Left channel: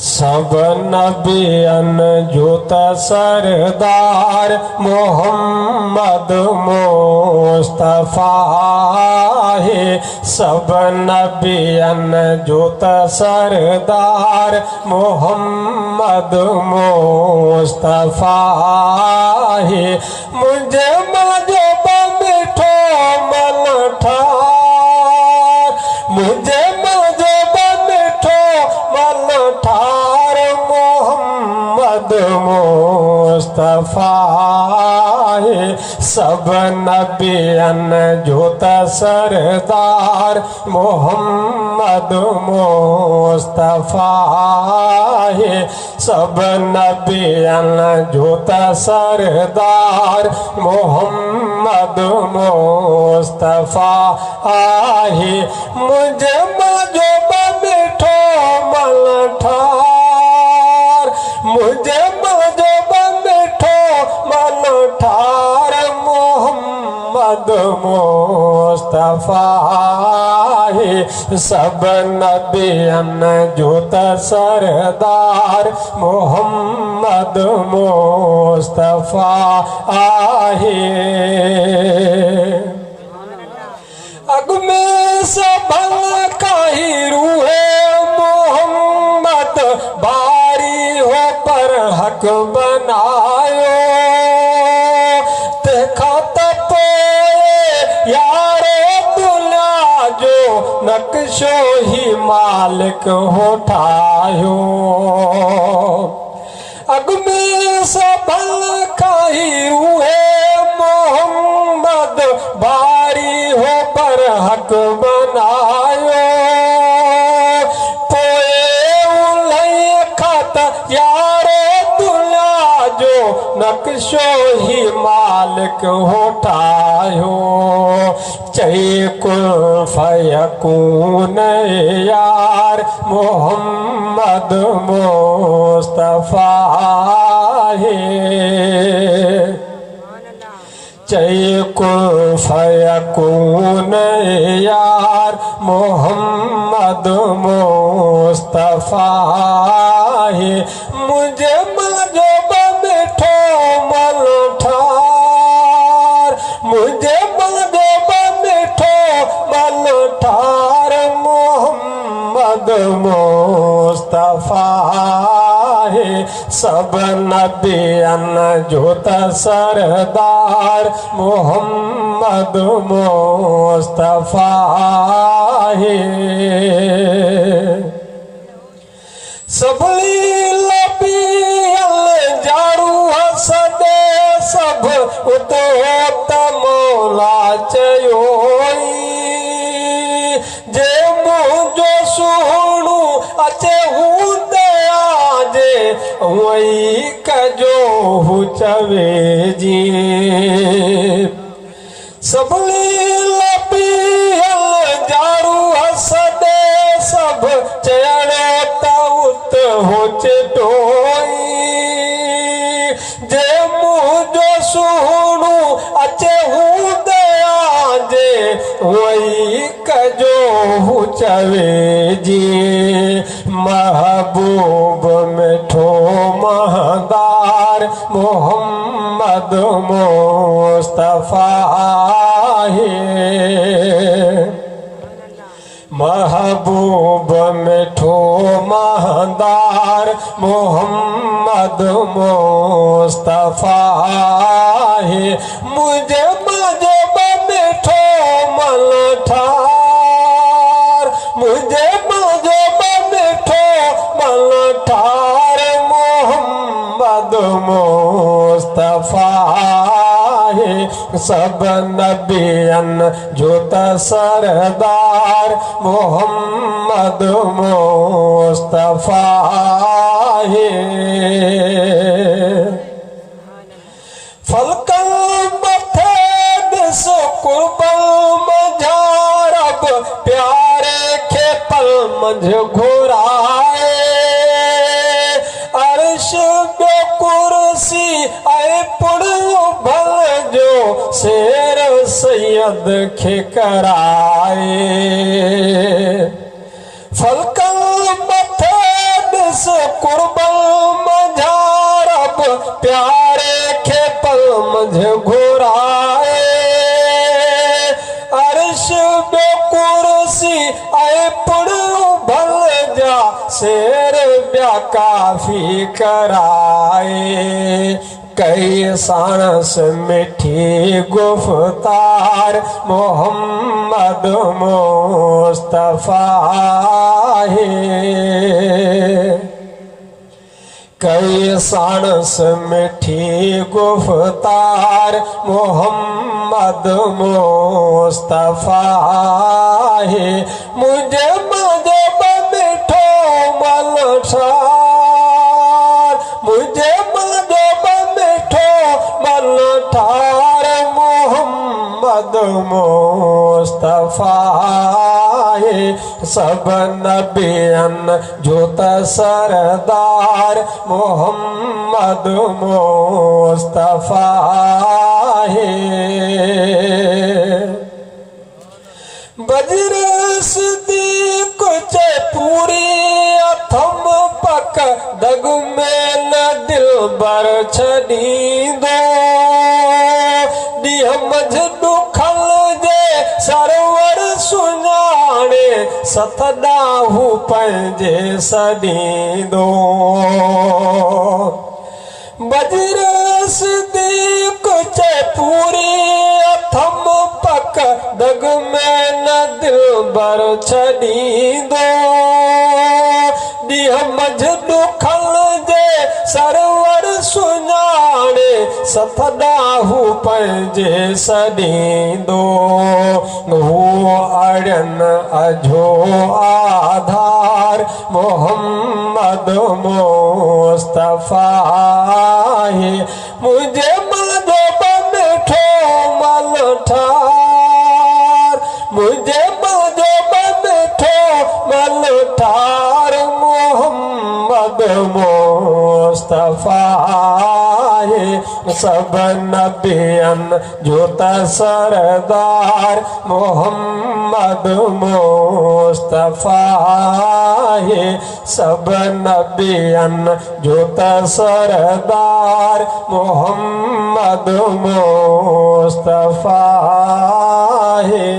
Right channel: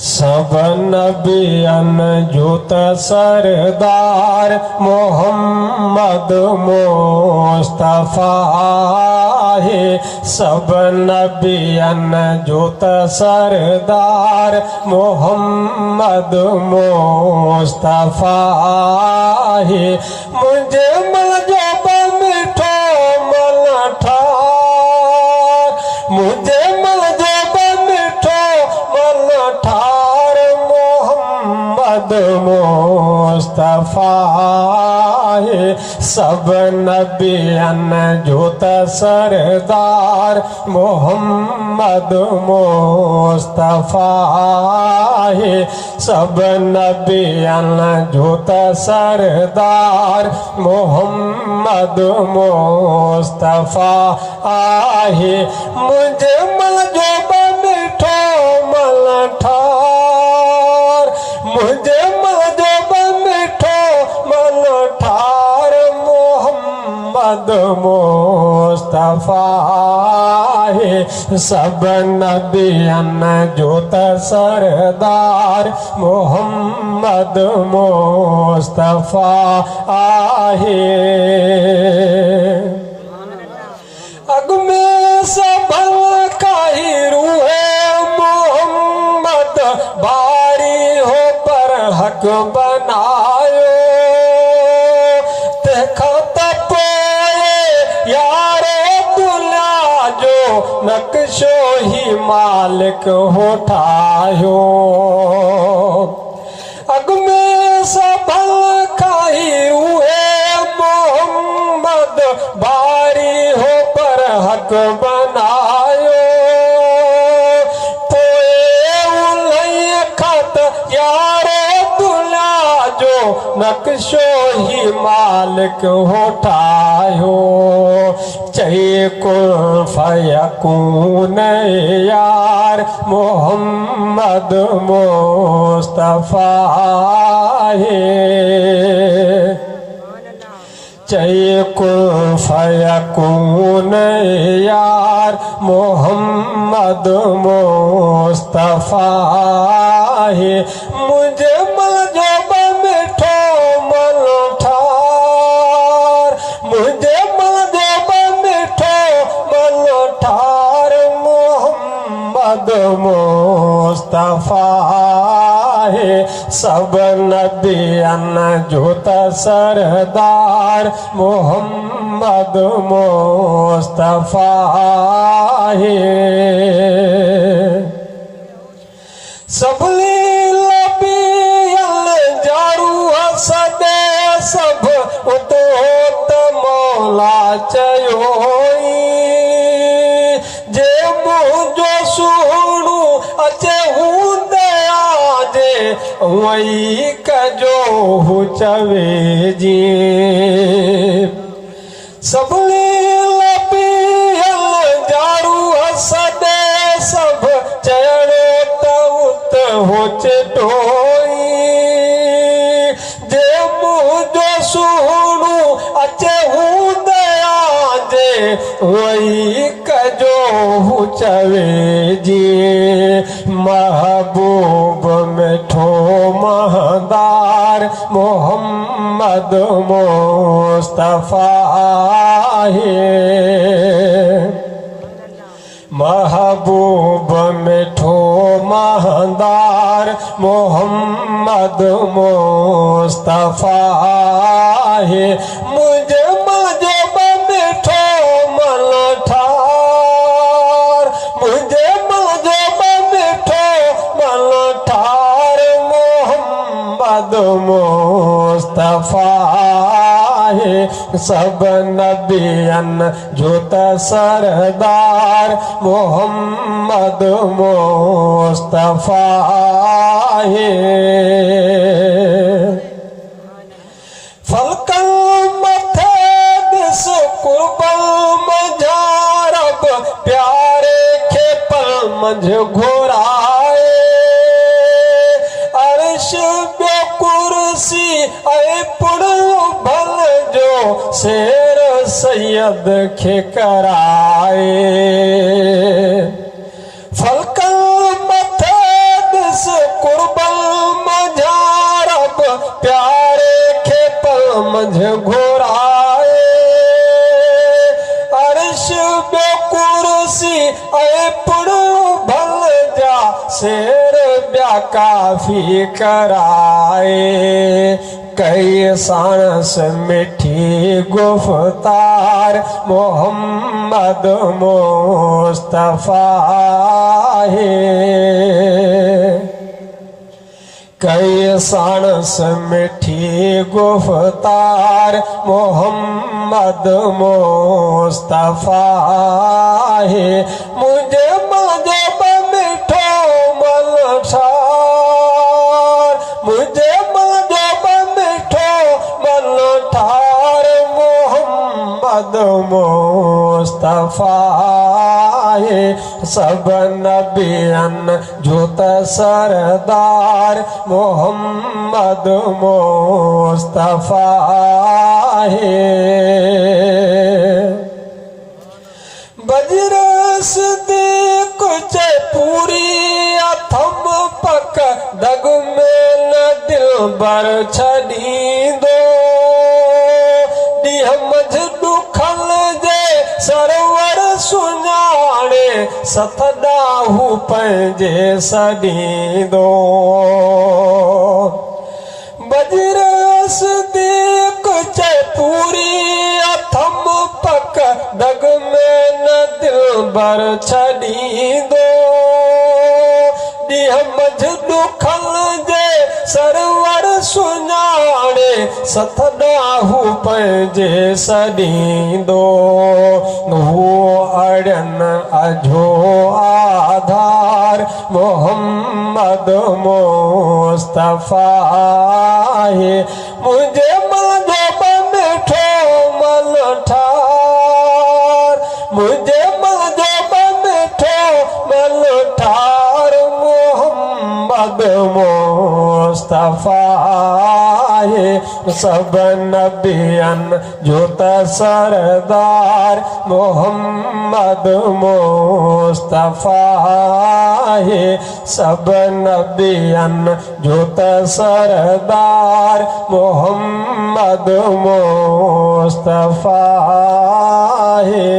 सब नबियन जोता सरदार मोहम्मद मुस्तफा है। सब नबियन जोता सरदार मोहम्मद मुस्तफा है। मुझे मजब मिठो मन ठार, मुझे मजब मिठो मन ठार मोहम्मद मुस्तफा है। सब नबियन जोता सरदार मोहम्मद मुस्तफा है। सब नबियन जोता सरदार मोहम्मद मुस्तफा है। मुझे मजब मिठो मन ठार, मुझे मजब मिठो मन ठार मोहम्मद मुस्तफा है। सब नबियन जोता सरदार मोहम्मद मुस्तफा है। अगमे से भला काहिर है मोहम्मद बारी हो पर हक बनायो। देखा तपोए यारे दुला जो नक्शो ही मालिक उठायो। अगमे से भला काहिर है मोहम्मद बारी हो पर हक बनायो। पोए उलैया खात यारे दुला जो नक्शो ही मालिक उठायो। चाहिए कुल फयकून यार मोहम्मद मुस्तफा है। चाहिए कुल फयकून यार मोहम्मद मुस्तफा है। मुझे मजब मिठो मन ठार, मुझे मजब मिठो मन ठार मोहम्मद मुस्तफा है। सब नबियन जोता सरदार मोहम्मद मुस्तफा है। सब नबियन जारू हसदे सब उतो मौला चयोई। जे मुझो सुणु अचे हूं दया जे वही कजो हु चवे जी। सब नबियन जारू हसदे सब चयण तउत हो चटोई। जे मुझो सुणु अचे हूं दया जे वही कजो हु चवे जी। महबूब मिठो महदार मोहम्मद मुस्तफा है। महबूब मिठो महदार मोहम्मद मुस्तफा है। मुझे मजब मिठो मन ठार, मुझे मजब मिठो मन ठार मोहम्मद मुस्तफा है। सब नबियन जोता सरदार मोहम्मद मुस्तफा है। फलकल मथे दिस कुर्बल मझारब प्यारे के पल मझ घोराए। अर्श बो कुर्सी ऐ पुड़ भल जो शेर सैयद खे कराए। फलकल मथे दिस प्यारे खे पल मंझ घुराए अर्श ॿियो कुर्सी ऐं पुण भल जा शेर ॿिया काफ़ी कराए कई साणस मिठी गुफ़्तार मोहम्मद मुस्तफ़ा है कई साणस मिठी गुफ़्तार मोहम्मद मुस्तफ़ा है मुझे मजे मिठो मलठार मुझे मजे मिठो मलठार मोहम्मद मुस्तफ़ा है सब नबियन जो त सरदार मोहम्मद मुस्तफ़ा है बजर सिद्दीक़ चए पूरी अथम पक दग में न दिलबर छॾींदो ॾींहं मंझि ॾुखल जे सरवर सुञाणे सत ॾाहू पंहिंजे सॾींदो बजर सिद्दीक़ चए पूरी अथम पक दग में न दिलबर छॾींदो ॾींहं मंझि ॾुखल जे सरवर सुञाणे सत ॾाहू पंहिंजे सॾींदो हू अड़ियनि अझो आधार मोहम्मद मुस्तफ़ा है मुझे मजे मिठो मलठार मुझे मजे मिठो मलठार मोहम्मद मुस्तफ़ा है सब नबियन जो त सरदार मोहम्मद मुस्तफ़ा है सब नबियन जो त सरदार मोहम्मद मुस्तफ़ा है।